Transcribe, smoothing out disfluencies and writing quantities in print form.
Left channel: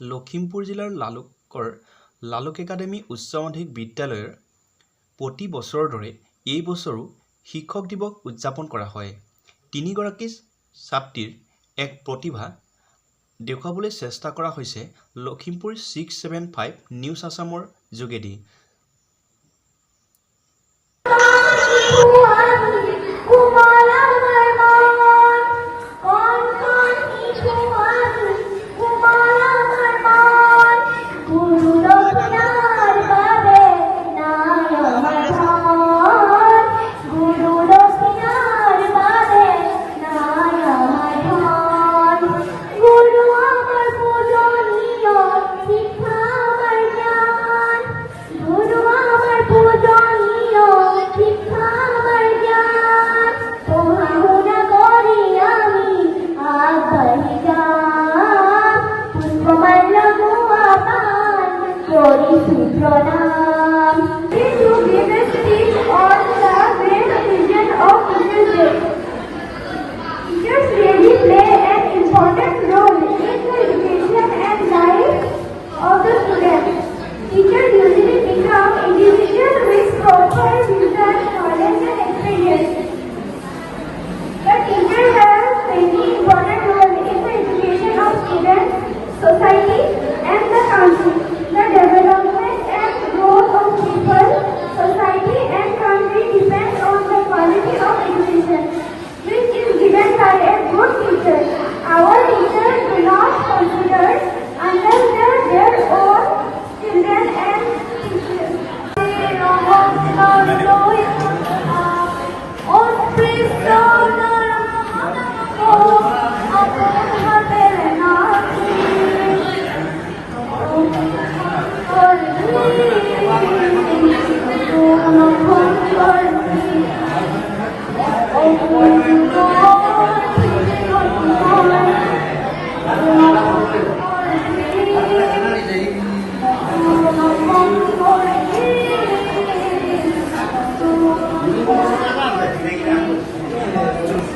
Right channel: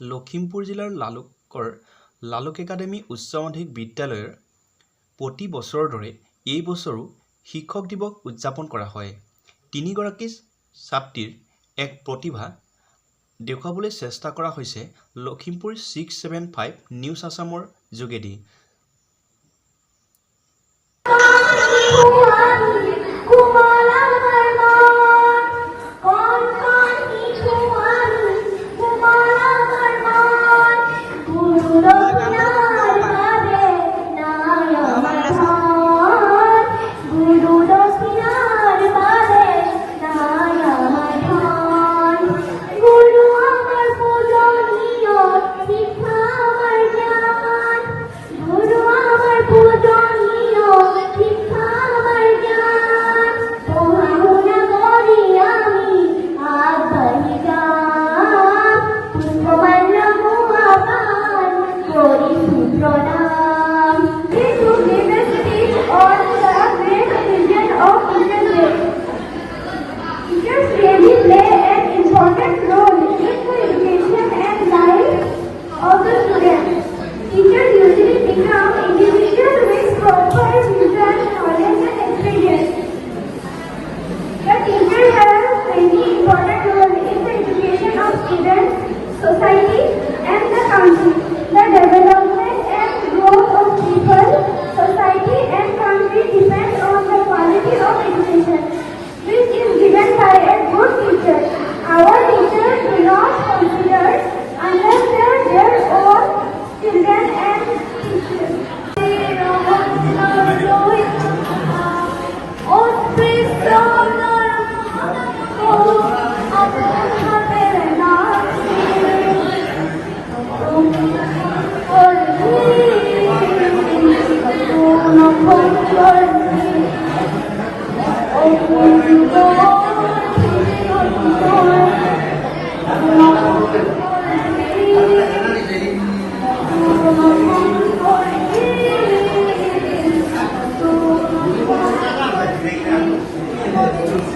লখিমপুৰ জিলাৰ লালুক একাডেমী উচ্চ মাধ্যমিক বিদ্যালয়ৰ প্ৰতি বছৰৰ দৰে এই বছৰো শিক্ষক দিৱস উদযাপন কৰা হয়। তিনিগৰাকী ছাত্ৰীৰ এক প্ৰতিভা দেখুৱাবলৈ চেষ্টা কৰা হৈছে লখিমপুৰ 675 নিউজ আছামৰ যোগেদি। Society and the country, the development and growth of people, society and country depend on the quality of education, which is given by a good teacher. Our teachers do not consider unless their own children and teachers. Oh,